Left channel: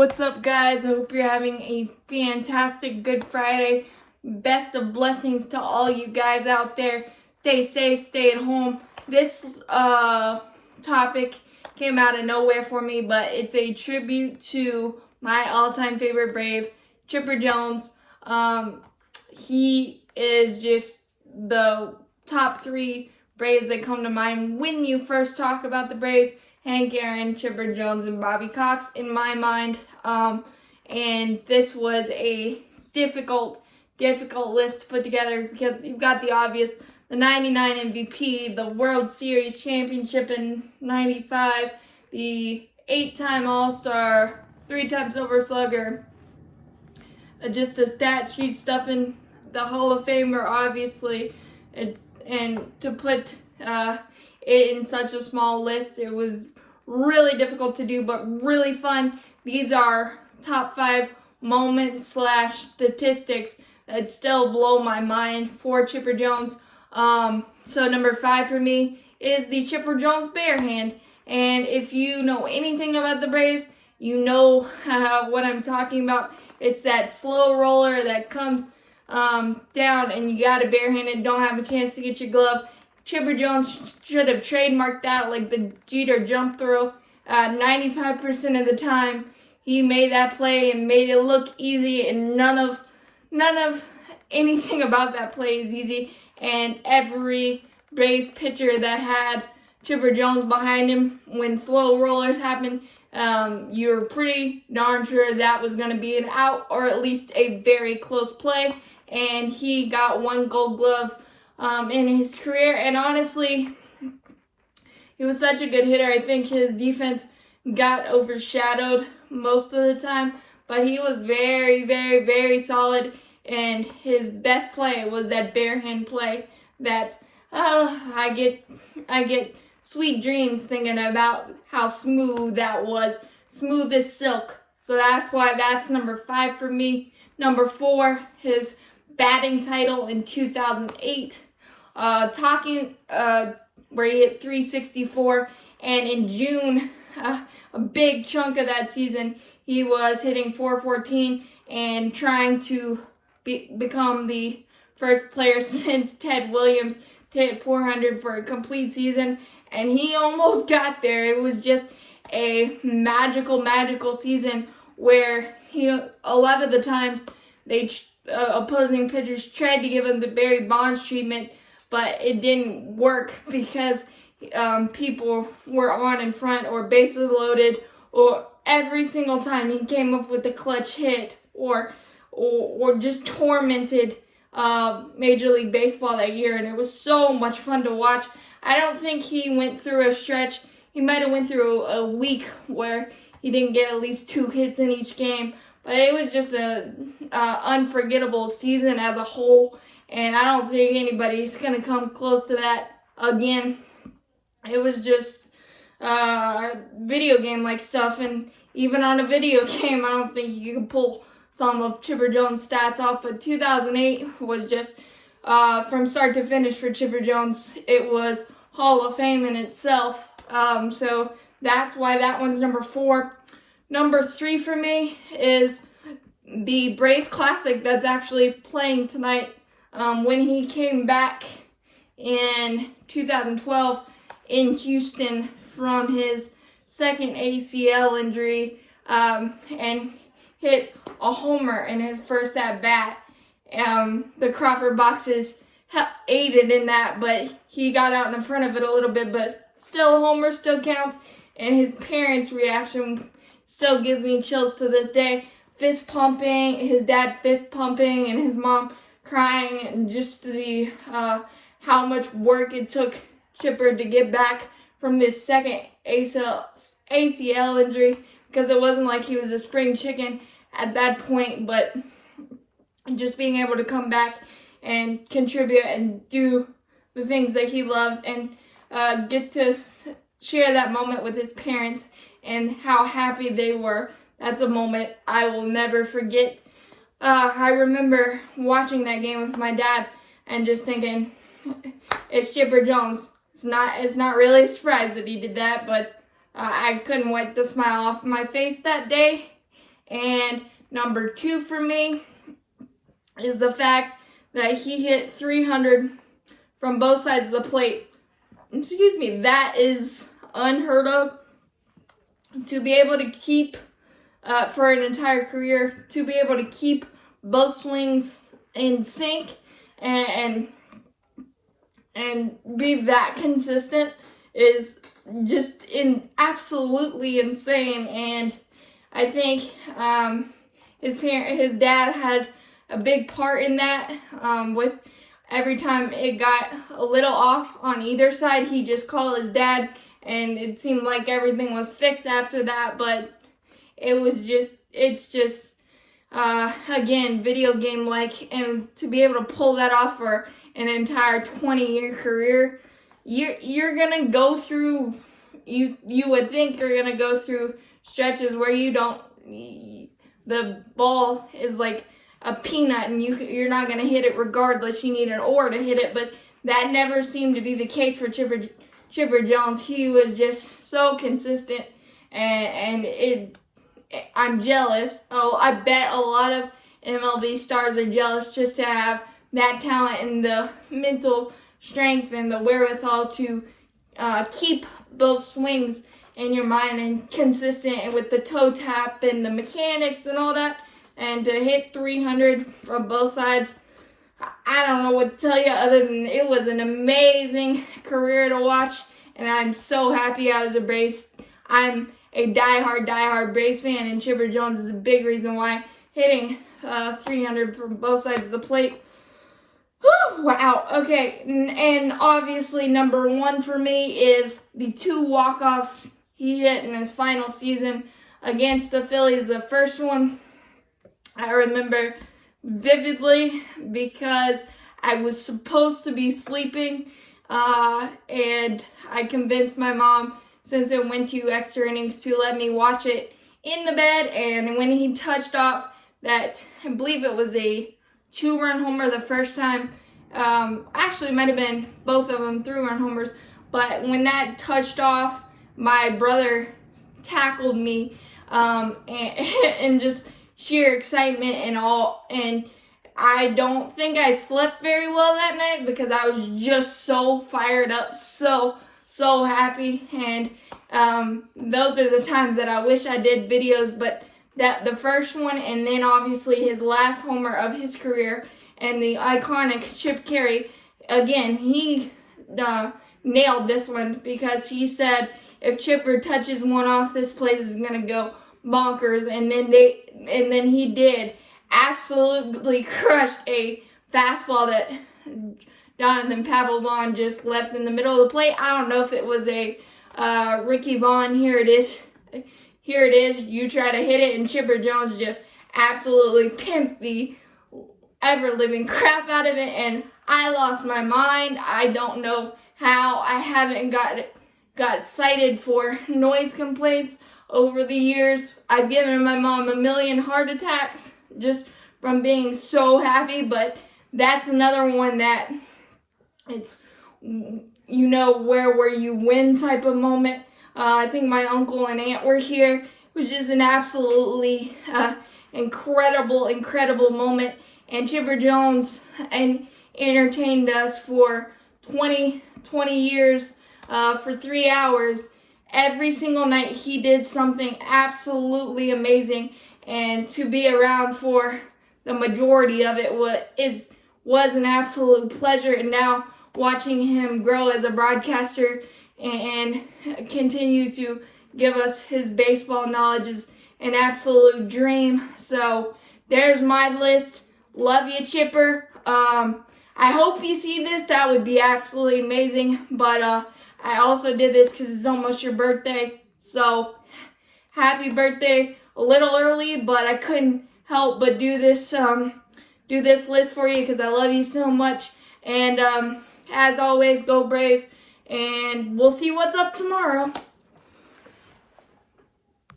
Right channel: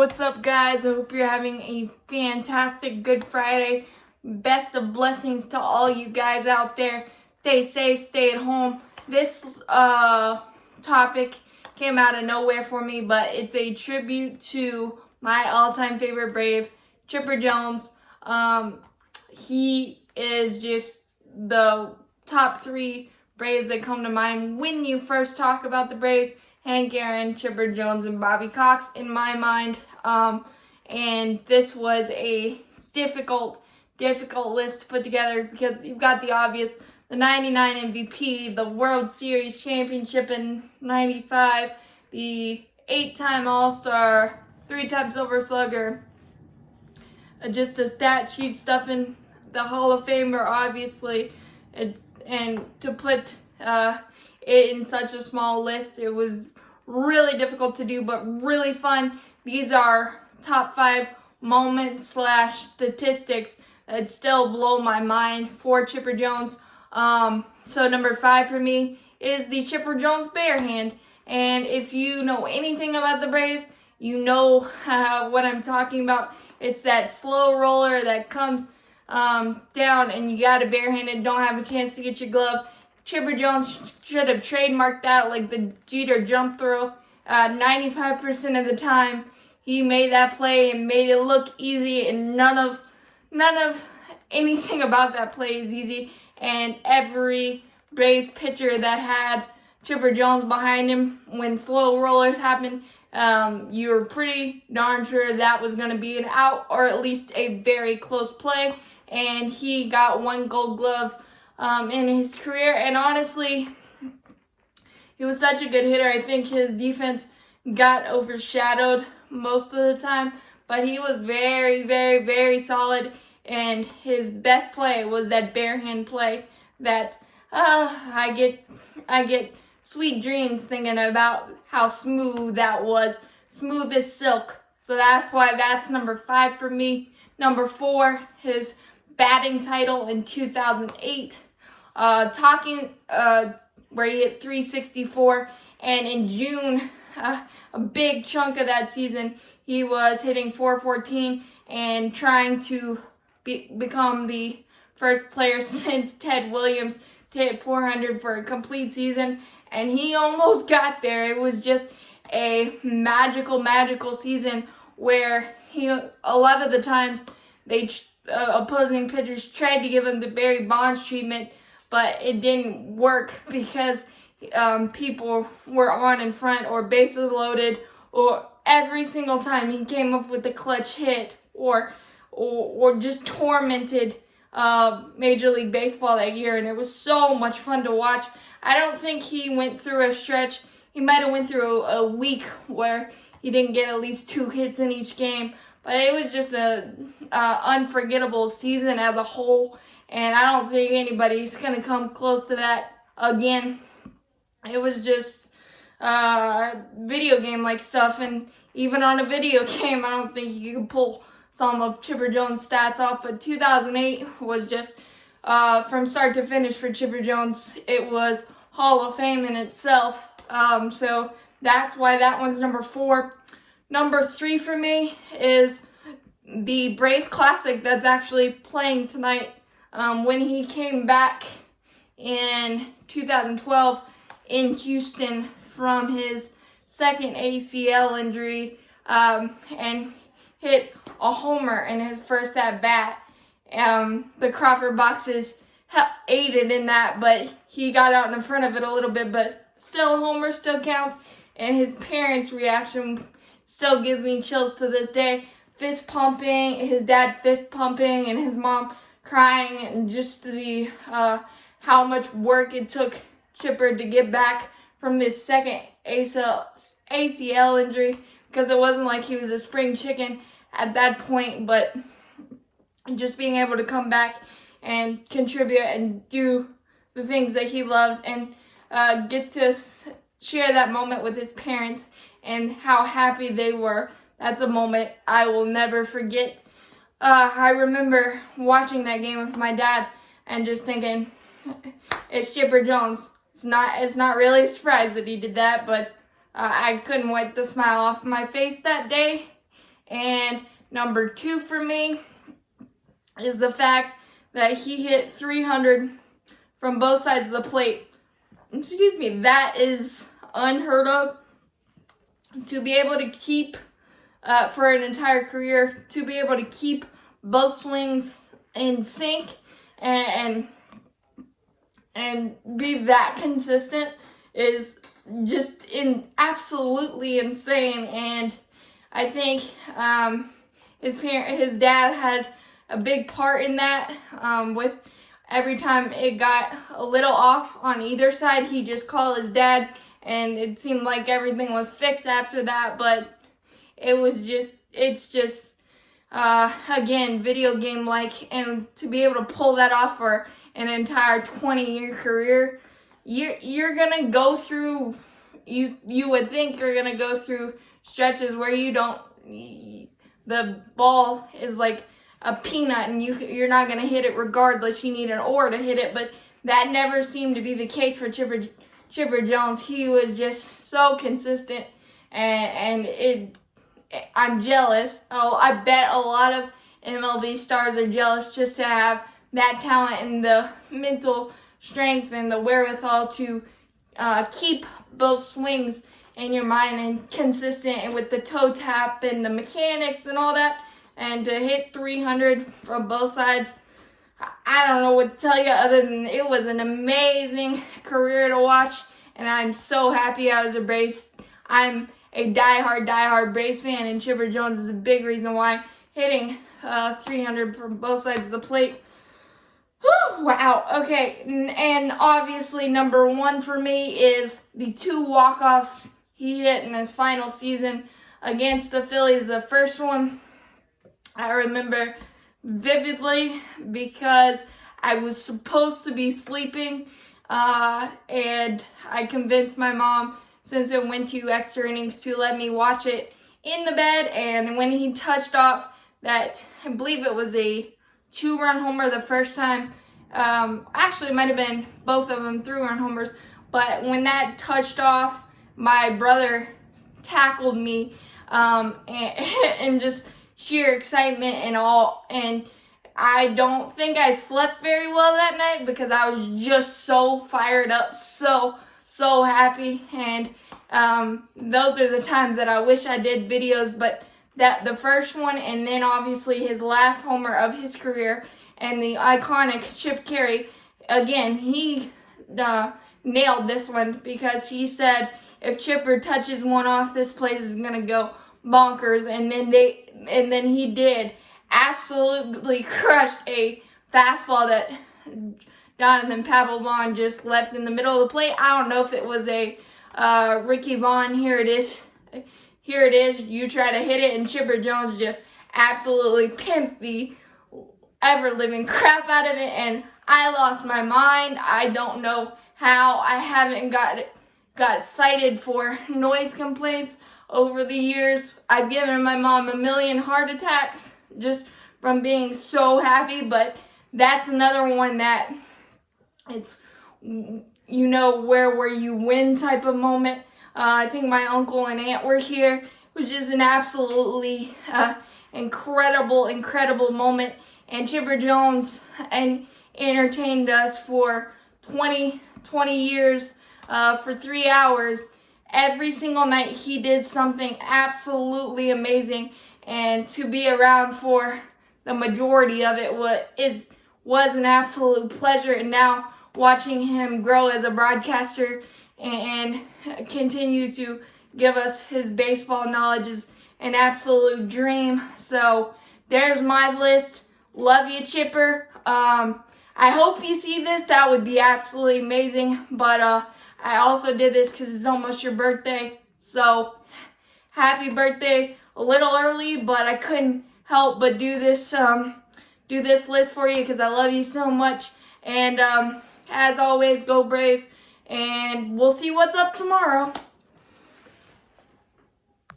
What's up, guys? I hope you're having a fantastic Good Friday. Best of blessings to all you guys out there. Stay safe, stay at home. This topic came out of nowhere for me, but it's a tribute to my all-time favorite Brave, Chipper Jones. He is just the top three Braves that come to mind when you first talk about the Braves. Hank Aaron, Chipper Jones, and Bobby Cox in my mind. And this was a difficult list to put together because you've got the obvious, the 99 MVP, the World Series championship in 95, the 8-time All-Star, 3-time Silver Slugger, just a stat sheet stuffing the Hall of Famer, obviously, and to put it in such a small list, it was really difficult to do, but really fun. These are top 5 moments / statistics that still blow my mind for Chipper Jones. So number 5 for me is the Chipper Jones bare hand. And if you know anything about the Braves, you know what I'm talking about. It's that slow roller that comes down and you got it barehanded, don't have a chance to get your glove. Chipper Jones should have trademarked that like the Jeter jump throw. 95% of the time, he made that play and made it look easy, and none of anything about that play is easy. And every Braves pitcher that had Chipper Jones behind him when slow rollers happen, you're pretty darn sure that was going to be an out or at least a very close play. And he got 1 Gold Glove in his career, and honestly, he was such a good hitter. I think his defense got overshadowed most of the time, but he was very, very, very solid, and his best play was that bare hand play that I get sweet dreams thinking about how smooth that was, smooth as silk. So that's why that's number 5 for me. Number 4, his batting title in 2008. Where he hit 364, and in June, a big chunk of that season, he was hitting 414 and trying to become the first player since Ted Williams to hit 400 for a complete season, and he almost got there. It was just a magical season where a lot of the times opposing pitchers tried to give him the Barry Bonds treatment, but it didn't work because people were on in front or bases loaded, or every single time he came up with a clutch hit or just tormented Major League Baseball that year, and it was so much fun to watch. I don't think he went through a stretch. He might have went through a week where he didn't get at least 2 hits in each game, but it was just a unforgettable season as a whole. And I don't think anybody's going to come close to that again. It was just video game-like stuff. And even on a video game, I don't think you could pull some of Chipper Jones' stats off. But 2008 was just, from start to finish for Chipper Jones, it was Hall of Fame in itself. So that's why that one's number 4. Number 3 for me is the Braves Classic that's actually playing tonight. When he came back in 2012 in Houston from his second ACL injury, and hit a homer in his first at-bat. The Crawford boxes aided in that, but he got out in front of it a little bit, but still a homer still counts, and his parents' reaction still gives me chills to this day. Fist pumping, his dad fist pumping, and his mom crying, and just the how much work it took Chipper to get back from this second ACL injury, because it wasn't like he was a spring chicken at that point, but just being able to come back and contribute and do the things that he loved, and get to share that moment with his parents and how happy they were. That's a moment I will never forget. I remember watching that game with my dad and just thinking, it's Chipper Jones. It's not really a surprise that he did that, but I couldn't wipe the smile off my face that day. And number 2 for me is the fact that he hit 300 from both sides of the plate. Excuse me, that is unheard of. To be able to keep, for an entire career, to be able to keep both swings in sync and be that consistent is just absolutely insane. And I think his dad had a big part in that. With every time it got a little off on either side, he just called his dad, and it seemed like everything was fixed after that. But it's just again, video game like, and to be able to pull that off for an entire 20-year career, you're gonna go through, you would think you're gonna go through stretches where the ball is like a peanut and you're not gonna hit it regardless. You need an oar to hit it, but that never seemed to be the case for Chipper Jones. He was just so consistent, and I'm jealous. Oh, I bet a lot of MLB stars are jealous just to have that talent and the mental strength and the wherewithal to keep both swings in your mind and consistent, and with the toe tap and the mechanics and all that, and to hit 300 from both sides. I don't know what to tell you other than it was an amazing career to watch, and I'm so happy I was a Braves. I'm a diehard Braves fan, and Chipper Jones is a big reason why hitting 300 from both sides of the plate. Whew, wow. Okay, and obviously number 1 for me is the 2 walk-offs he hit in his final season against the Phillies. The first one I remember vividly because I was supposed to be sleeping, and I convinced my mom, since it went 2 extra innings, to let me watch it in the bed. And when he touched off that, I believe it was a 2-run homer the first time, actually it might have been both of them 3-run homers, but when that touched off, my brother tackled me, and just sheer excitement and all, and I don't think I slept very well that night because I was just so fired up, so happy. And those are the times that I wish I did videos, but that the first one, and then obviously his last homer of his career, and the iconic Chip Caray, again, he nailed this one because he said if Chipper touches one off, this place is gonna go bonkers. And then he did absolutely crush a fastball that Jonathan Papelbon just left in the middle of the plate. I don't know if it was a Ricky Vaughn. Here it is. You try to hit it, and Chipper Jones just absolutely pimped the ever-living crap out of it, and I lost my mind. I don't know how I haven't got cited for noise complaints over the years. I've given my mom 1,000,000 heart attacks just from being so happy, but that's another one that it's, where you win type of moment. I think my uncle and aunt were here. It was just an absolutely incredible moment. And Chipper Jones entertained us for 20 years, for 3 hours. Every single night he did something absolutely amazing. And to be around for the majority of it was an absolute pleasure. And now watching him grow as a broadcaster and continue to give us his baseball knowledge is an absolute dream. So there's my list. Love you, Chipper. I hope you see this. That would be absolutely amazing. But I also did this because it's almost your birthday. So happy birthday. A little early, but I couldn't help but do this list for you because I love you so much. And as always, go Braves. And we'll see what's up tomorrow.